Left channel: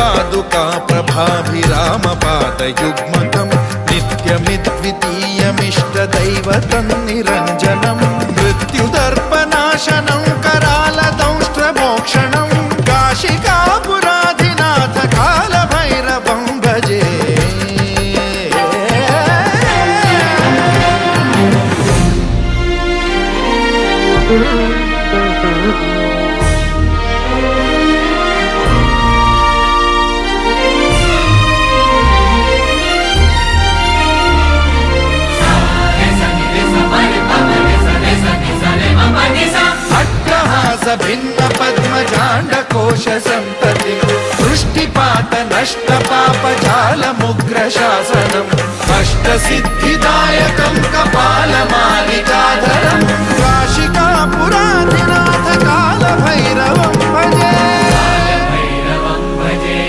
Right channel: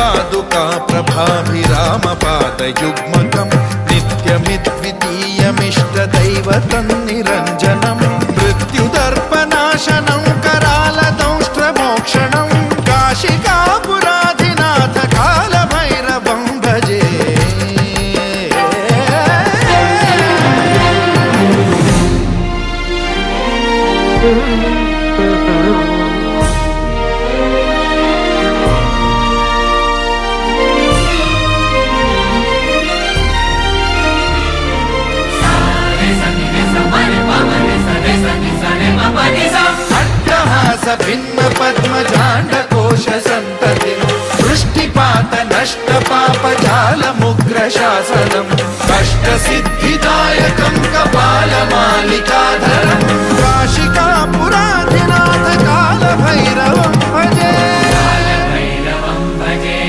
पादुका प्रभाभिरामपादयुग्मकम् नित्यमिद्वितीयमिष्टदैवतन्निरञ्जनम् मृत्युदर्पनाशनं करालदंष्ट्रमोक्षणं काशिकापुराधिनाथ कालभैरवं भजे। भिन्न पद्मजाण्डकोश संतति वृष्टिपात नष्ट पापजालमुग्र शासनम् अष्टसिद्धिदायकं कपालमालिकाधरम्